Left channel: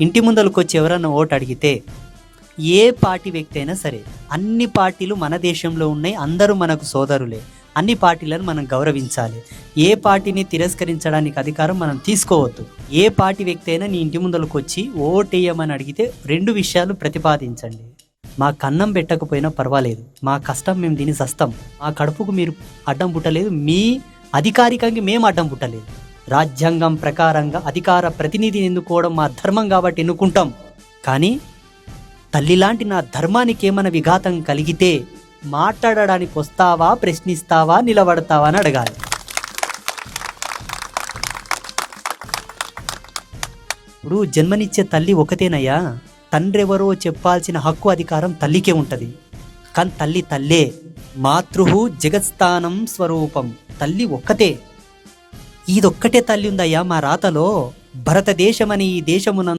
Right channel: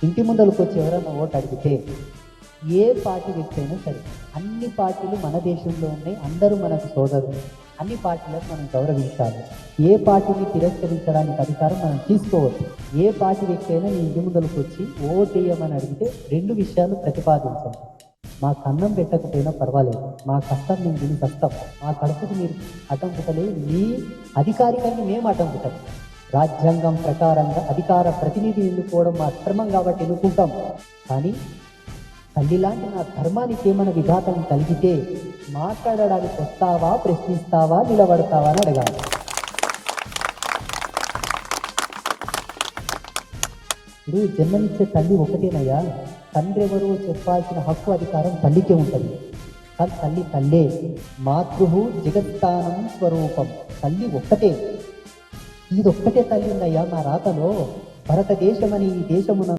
ఇంటి ముందరకు వచ్చి ఎవరన్నా ఓటు అడిగితే ఏ పార్టీ వ్యక్తి అయినా సరే అన్ని పార్టీలు మన దేశంలో ఉన్నాయి అందరూ మనకు సోదరులే. అన్ని పార్టీలను మనం గౌరవించాలి. ఏ పార్టీని తిరస్కరించడానికి అధికారం మనం తీసుకోవద్దు. ఏ పార్టీ వ్యక్తి అయినా నీ ఇంటి ముందరకు వచ్చి ఓటేయమని అడిగితే రెండు విషయాలు ప్రతిపాదించండి. మా కన్నం పెట్టకపోయినా పర్వాలేదు. మా కష్టం మేము దీన్ని సస్తాం. మా కడుపుకు మీరు అడ్డం పుట్టలేదు. మీ అధికారికంగా మేము అడ్డం పుట్టలేదు. రాజ్యాంగం ప్రకారంగా అధికార ప్రతినిధిని ఎన్నుకోవడం మా ధర్మం కాబట్టి ఎన్నుకుంటాం. కానీ తల్లిలాంటి నా ధర్మానికి ఏమైనా విఘాతం కలిగితే మాట్లాడడానికి వస్తావా ప్రశ్నిస్తావా నిలబడతావా అని అడగాలి. ఇప్పుడు జన్మనిచ్చే తల్లి ఒకతేనయ్యా తండ్రెవరో చెప్పాల్సిన హక్కు అధికారం తల్లికే ఉంటుంది. కానీ తల్లి తల్లే. మాతృ జగత్స్థానం స్వరూపం. తల్లి ఒక్కతే. ఇదొక్కటే తల్లి ఉందయ్యా మా రాతలో. భారతదేశమని ఈ దేశమున